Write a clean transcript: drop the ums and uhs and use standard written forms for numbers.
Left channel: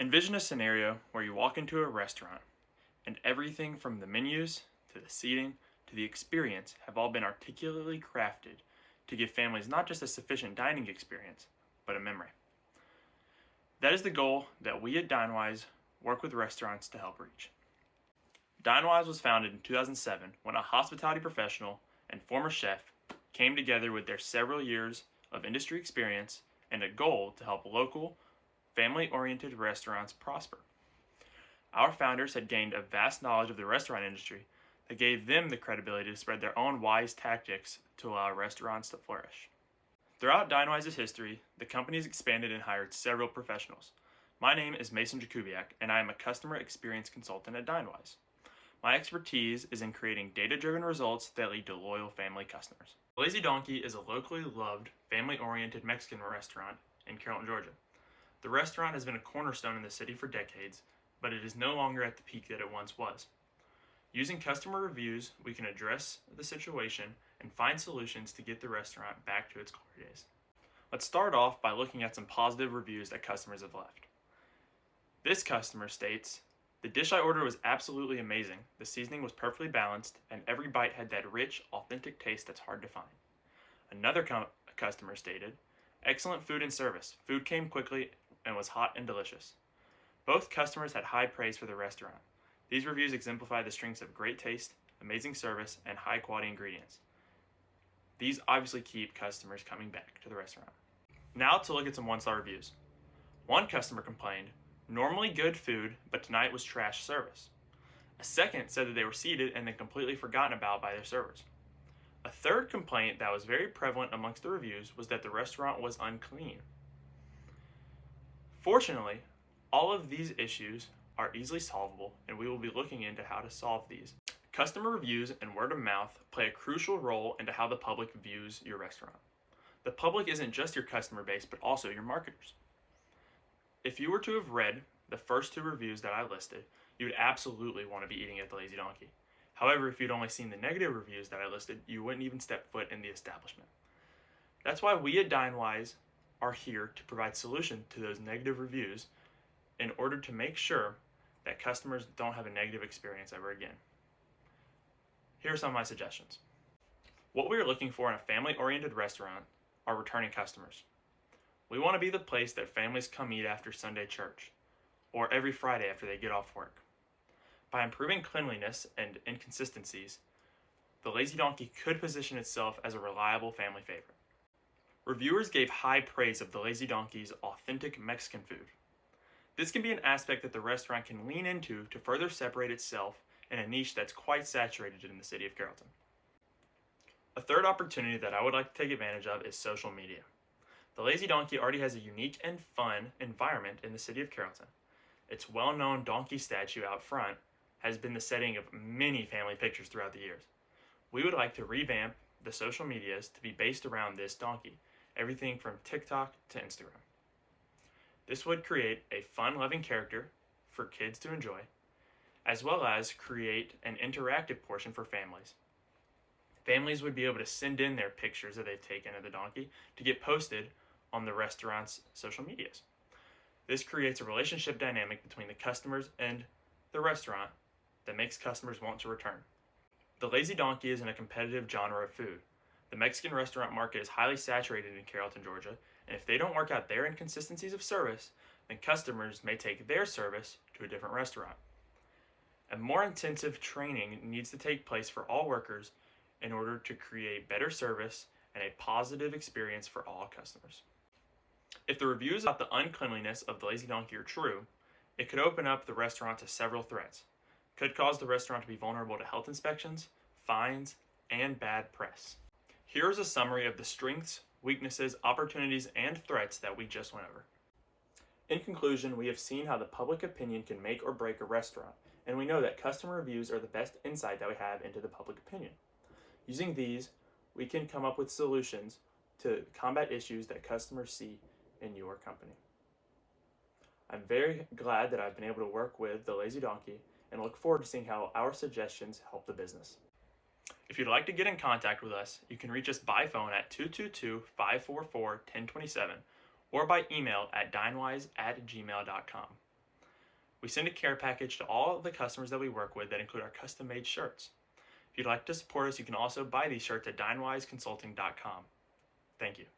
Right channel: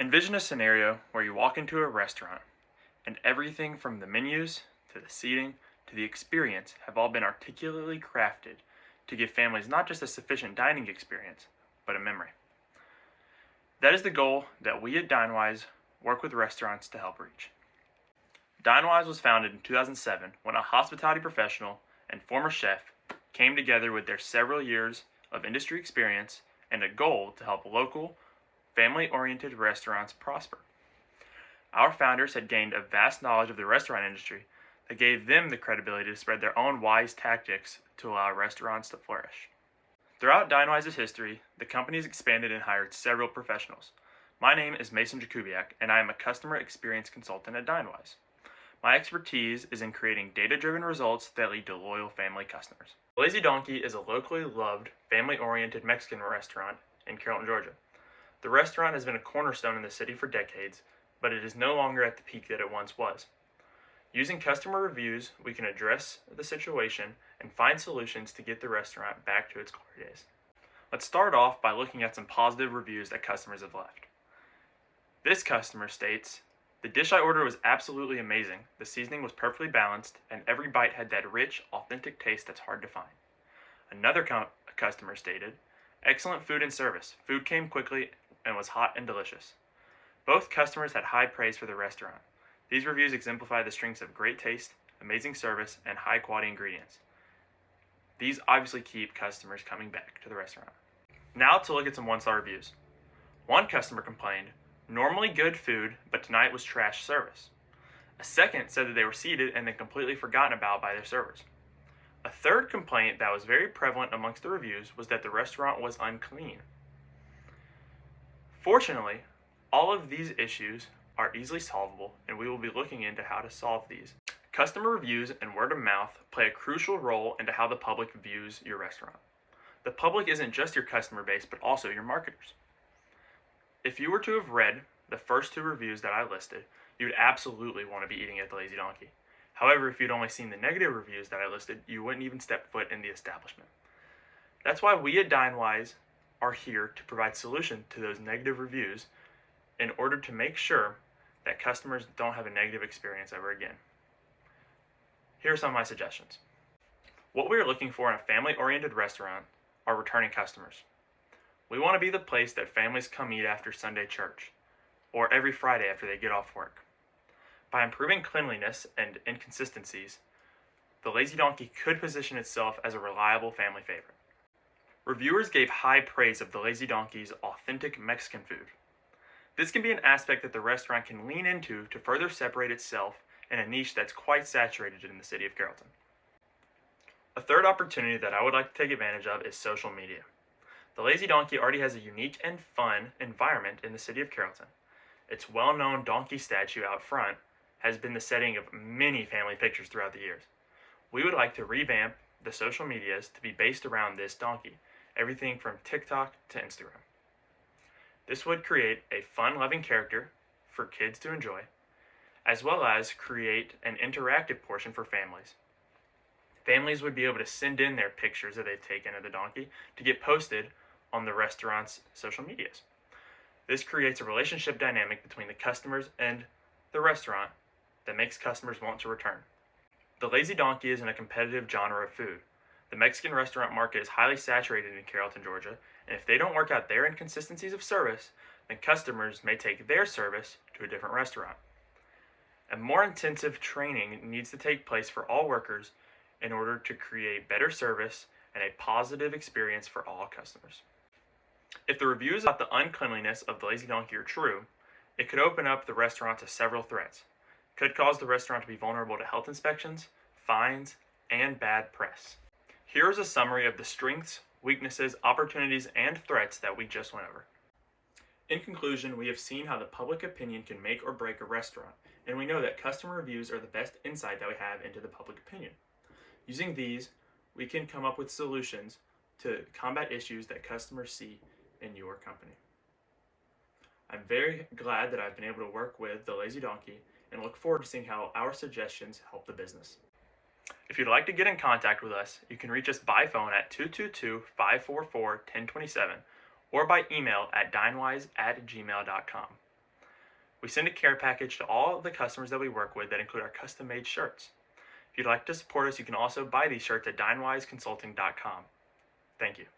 Envision a scenario where you walk into a restaurant and everything from the menus to the seating to the experience have all been articulately crafted to give families not just a sufficient dining experience, but a memory. That is the goal that we at Dinewise work with restaurants to help reach. Dinewise was founded in 2007 when a hospitality professional and former chef came together with their several years of industry experience and a goal to help local, family-oriented restaurants prosper. Our founders had gained a vast knowledge of the restaurant industry that gave them the credibility to spread their own wise tactics to allow restaurants to flourish. Throughout Dinewise's history, the company has expanded and hired several professionals. My name is Mason Jakubiak, and I am a customer experience consultant at Dinewise. My expertise is in creating data-driven results that lead to loyal family customers. Lazy Donkey is a locally loved, family-oriented Mexican restaurant in Carrollton, Georgia. The restaurant has been a cornerstone in the city for decades, but it is no longer at the peak that it once was. Using customer reviews, we can address the situation and find solutions to get the restaurant back to its glory days. Let's start off by looking at some positive reviews that customers have left. This customer states, "The dish I ordered was absolutely amazing. The seasoning was perfectly balanced, and every bite had that rich, authentic taste that's hard to find." Another customer stated, "Excellent food and service. Food came quickly and was hot and delicious." Both customers had high praise for the restaurant. These reviews exemplify the strengths of great taste, amazing service, and high quality ingredients. These obviously keep customers coming back to the restaurant. Now to look at some one-star reviews. One customer complained, "Normally good food, but tonight was trash service." A second said that they were seated and then completely forgotten about by their servers. A third complaint that was very prevalent amongst the reviews was that the restaurant was unclean. Fortunately, all of these issues are easily solvable, and we will be looking into how to solve these. Customer reviews and word of mouth play a crucial role into how the public views your restaurant. The public isn't just your customer base, but also your marketers. If you were to have read the first two reviews that I listed, you would absolutely want to be eating at the Lazy Donkey. However, if you'd only seen the negative reviews that I listed, you wouldn't even step foot in the establishment. That's why we at Dinewise are here to provide solutions to those negative reviews in order to make sure that customers don't have a negative experience ever again. Here are some of my suggestions. What we are looking for in a family-oriented restaurant are returning customers. We want to be the place that families come eat after Sunday church, or every Friday after they get off work. By improving cleanliness and inconsistencies, the Lazy Donkey could position itself as a reliable family favorite. Reviewers gave high praise of the Lazy Donkey's authentic Mexican food. This can be an aspect that the restaurant can lean into to further separate itself in a niche that's quite saturated in the city of Carrollton. A third opportunity that I would like to take advantage of is social media. The Lazy Donkey already has a unique and fun environment in the city of Carrollton. Its well-known donkey statue out front has been the setting of many family pictures throughout the years. We would like to revamp the social medias to be based around this donkey, everything from TikTok to Instagram. This would create a fun-loving character for kids to enjoy, as well as create an interactive portion for families. Families would be able to send in their pictures that they've taken of the donkey to get posted on the restaurant's social medias. This creates a relationship dynamic between the customers and the restaurant that makes customers want to return. The Lazy Donkey is in a competitive genre of food. The Mexican restaurant market is highly saturated in Carrollton, Georgia, and if they don't work out their inconsistencies of service, then customers may take their service to a different restaurant. A more intensive training needs to take place for all workers in order to create better service and a positive experience for all customers. If the reviews about the uncleanliness of the Lazy Donkey are true, it could open up the restaurant to several threats. It could cause the restaurant to be vulnerable to health inspections, fines, and bad press. Here is a summary of the strengths, weaknesses, opportunities, and threats that we just went over. In conclusion, we have seen how the public opinion can make or break a restaurant, and we know that customer reviews are the best insight that we have into the public opinion. Using these, we can come up with solutions to combat issues that customers see in your company. I'm very glad that I've been able to work with the Lazy Donkey and look forward to seeing how our suggestions help the business. If you'd like to get in contact with us, you can reach us by phone at 222-544-1027 or by email at dinewise@gmail.com. We send a care package to all of the customers that we work with that include our custom-made shirts. If you'd like to support us, you can also buy these shirts at DinewiseConsulting.com. Thank you.